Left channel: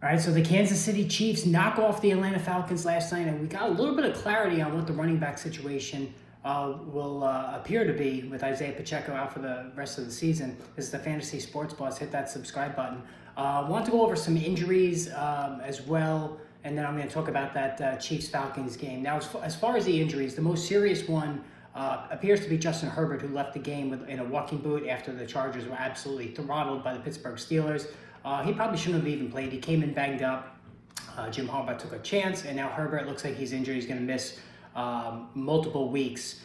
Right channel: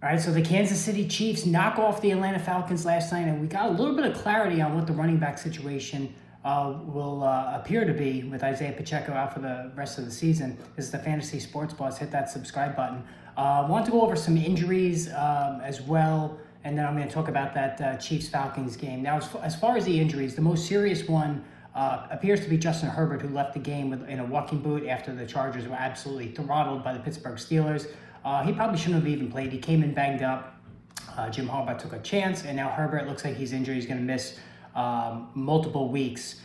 All right, so the Kansas City Chiefs knock off the Atlanta Falcons last night, and we got a little bit of clarity on what the running back situation will appear to be with Isaiah Pacheco out for the rest of the season. This is the Fantasy Sports Plus. Hit that subscribe button. I want to go over some injuries as well, and then I'm going to talk about that Chiefs-Falcons game. Now, as far as the injuries, the most serious one appears to be Justin Herbert, who left the game in a walking boot after the Chargers were absolutely throttled by the Pittsburgh Steelers. He probably shouldn't have even played. He came in banged up. Jim Harbaugh took a chance, and now Herbert looks like he's injured. He's going to miss multiple weeks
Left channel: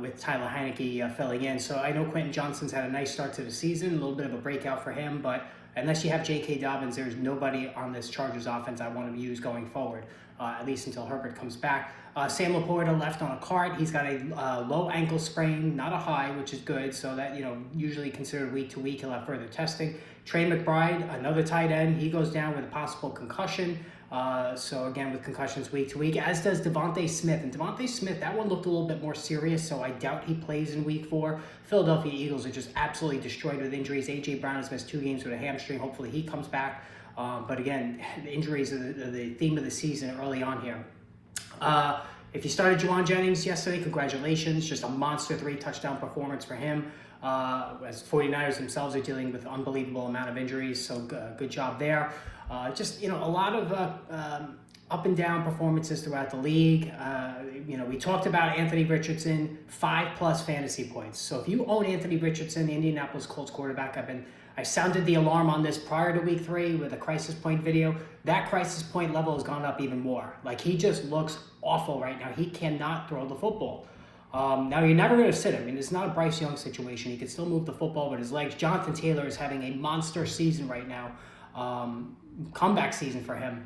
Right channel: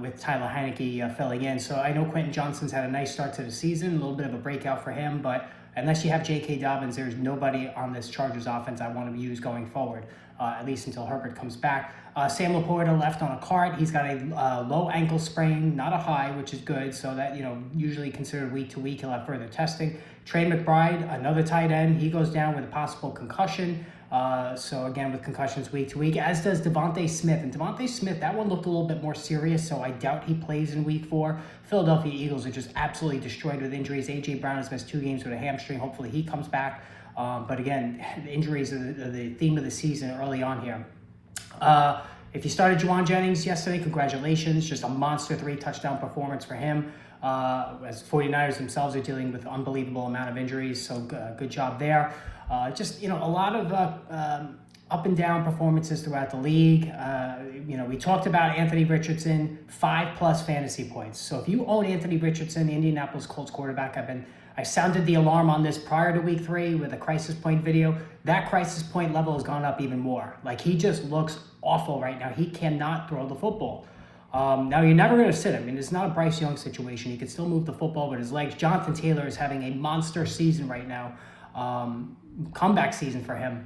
with Tyler Heineke filling in. So I know Quentin Johnston's had a nice start to the season, a little bit of a breakout for him, but unless you have J.K. Dobbins, there's nobody on this Chargers offense I want to use going forward, at least until Herbert comes back. Sam Laporta left on a cart. He's got a low ankle sprain, not a high, which is good. So that, usually considered week to week, he'll have further testing. Trey McBride, another tight end, he goes down with a possible concussion. So again, with concussions week to week, as does Devontae Smith. And Devontae Smith, that one looked a little bit more serious, so I doubt he plays in week 4. Philadelphia Eagles are just absolutely destroyed with injuries. A.J. Brown has missed 2 games with a hamstring. Hopefully he comes back. But again, the injuries are the theme of the season early on here. If you started Juwan Jennings yesterday, congratulations. Just a monster 3-touchdown performance for him. As 49ers themselves are dealing with an unbelievable amount of injuries, so good job there. A lot of up and down performances throughout the league. We talked about Anthony Richardson, 5+ fantasy points. So if you own Anthony Richardson, the Indianapolis Colts quarterback, I sounded the alarm on this prior to week 3 with a crisis point video. That crisis point level has gone up even more. Like, he just looks awful right now. He cannot throw the football. Now, you're never going to sit him. I mean, it's not a Bryce Young situation. He can still move the football, but his legs. Jonathan Taylor is having a monster season right now. Comeback season for him.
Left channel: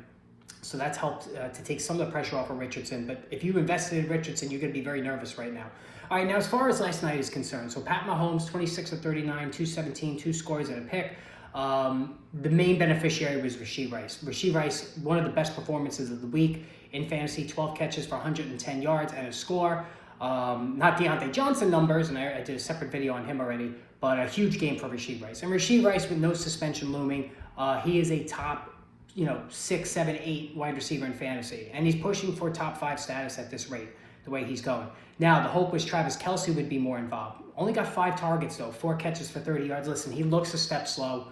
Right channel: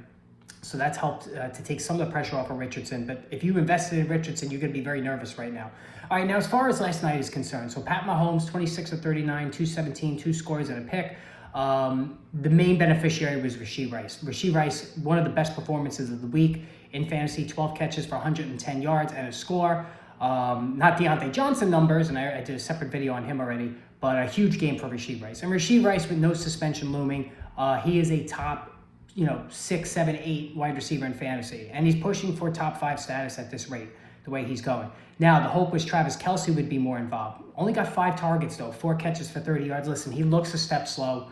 So that's helped to take some of the pressure off of Richardson. But if you invested in Richardson, you're going to be very nervous right now. All right, now as far as last night is concerned, so Pat Mahomes, 26 of 39, 217, 2 scores and a pick. The main beneficiary was Rashee Rice. Rashee Rice, one of the best performances of the week in fantasy, 12 catches for 110 yards and a score. Not Deontay Johnson numbers, and I did a separate video on him already, but a huge game for Rashee Rice. And Rashee Rice, with no suspension looming, he is a top 6, 7, 8 wide receiver in fantasy. And he's pushing for top 5 status at this rate, the way he's going. Now, the hope was Travis Kelce would be more involved. Only got 5 targets, though, 4 catches for 30 yards. Listen, he looks a step slow.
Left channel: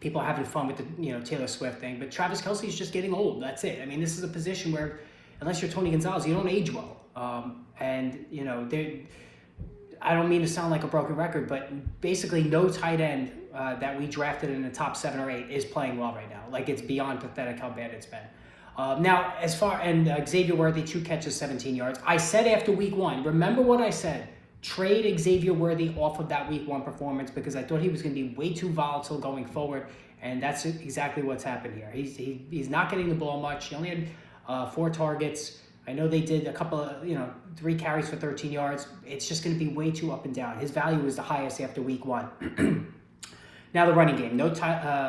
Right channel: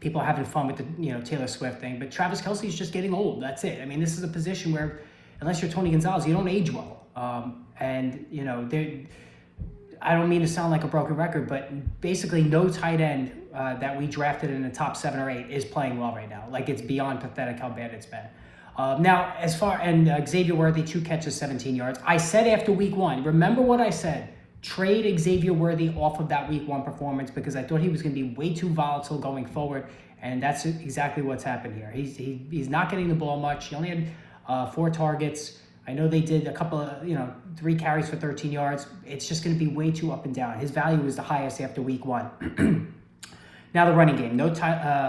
People are having fun with the Taylor Swift thing, but Travis Kelce is just getting old. That's it. I mean, this is a position where, unless you're Tony Gonzalez, you don't age well. I don't mean to sound like a broken record, but basically no tight end that we drafted in the top 7 or 8 is playing well right now. Like, it's beyond pathetic how bad it's been. Xavier Worthy, 2 catches, 17 yards. I said after week 1, remember what I said, trade Xavier Worthy off of that week 1 performance because I thought he was going to be way too volatile going forward, and that's exactly what's happened here. He's not getting the ball much. He only had 4 targets. I know they did a couple of, 3 carries for 13 yards. It's just going to be way too up and down. His value is the highest after week 1. Now the running game. No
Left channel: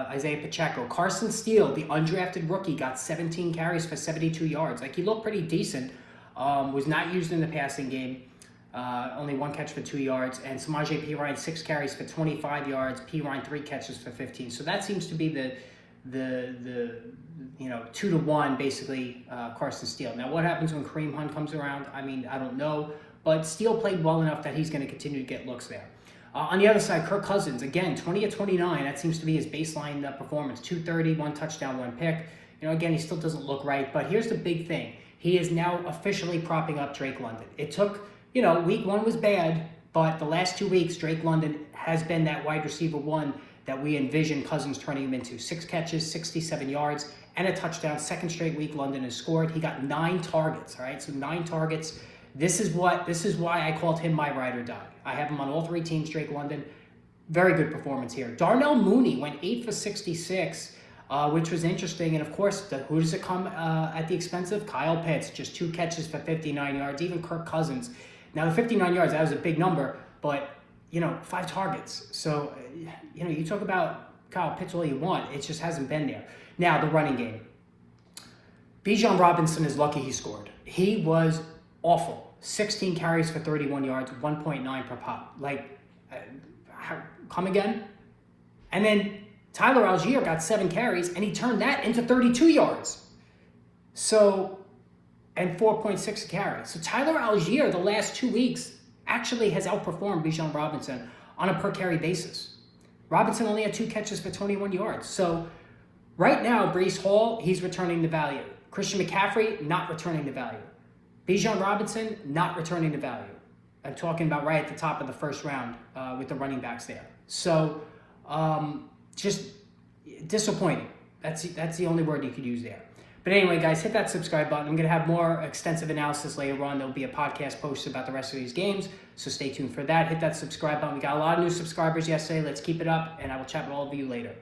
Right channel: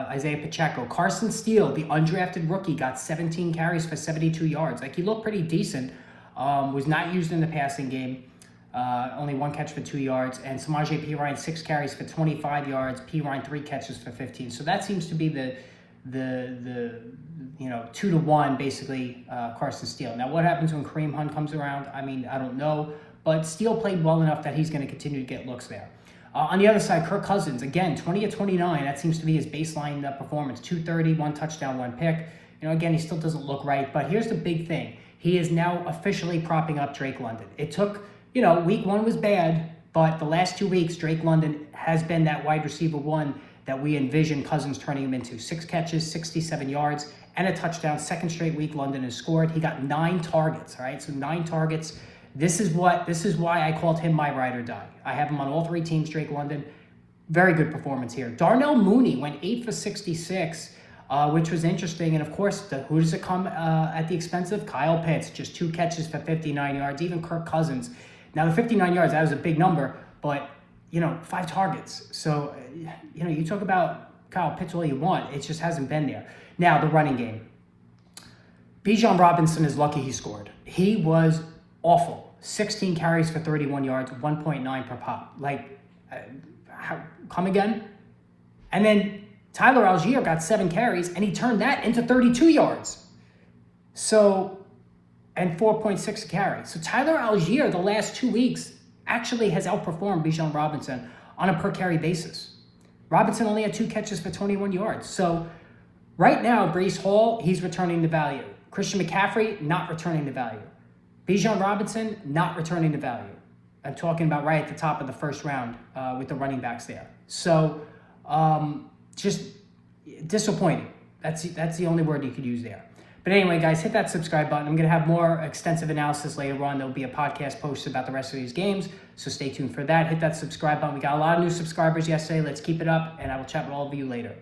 Isaiah Pacheco. Carson Steele, the undrafted rookie, got 17 carries for 72 yards. Like, he looked pretty decent. Was not used in the passing game. Only 1 catch for 2 yards. And Samaje Perine, 6 carries for 25 yards. Perine, 3 catches for 15. So that seems to be the 2-to-1, basically, Carson Steele. Now, what happens when Kareem Hunt comes around? I mean, I don't know. But Steele played well enough that he's going to continue to get looks there. On the other side, Kirk Cousins, again, 20 of 29. That seems to be his baseline performance. 230, 1 touchdown, 1 pick. Again, he still doesn't look right. But here's the big thing. He is now officially propping up Drake London. It took, week 1 was bad, but the last 2 weeks, Drake London has been that wide receiver 1 that we envisioned Cousins turning him into. 6 catches, 67 yards, and a touchdown. 2nd straight week London has scored. He got 9 targets, all right? So 9 targets. This is why I called him my ride or die. I have him on all 3 teams, Drake London. Very good performance here. Darnell Mooney went 8 for 66, which was interesting. And of course, who does it come at the expense of? Kyle Pitts, just 2 catches for 59 yards. Even Kirk Cousins. Now, the 59 yards, that was a big number, but, 5 targets. So, you talk about Kyle Pitts all you want. It just hasn't been there. Now, the running game. Bijan Robinson is lucky he scored. He was awful. 16 carries for 31 yards, 1.9 per pop. Come again? And then Tyler Algier got 7 carries, and he turned that into 32 yards. So, and 4.6 a carry. So Tyler Algier, the last 2 weeks, actually has outperformed Bijan Robinson on a per-carry basis. Robinson only had 2 catches for 21 yards. So right now, Breece Hall, he's returning to value. Christian McCaffrey, not returning to value. Bijan Robinson, not returning to value. I'm talking about right at the top of the first round with the running backs there. So just disappointing. That's the only word you could use there. But anyway, guys, hit that subscribe button. I'm going to have more extensive analysis later on. There'll be a podcast posted about the rest of these games, so stay tuned for that. Hit that subscribe button. We got a lot of new subscribers yesterday. Let's keep it up, and I will chat with all of you later.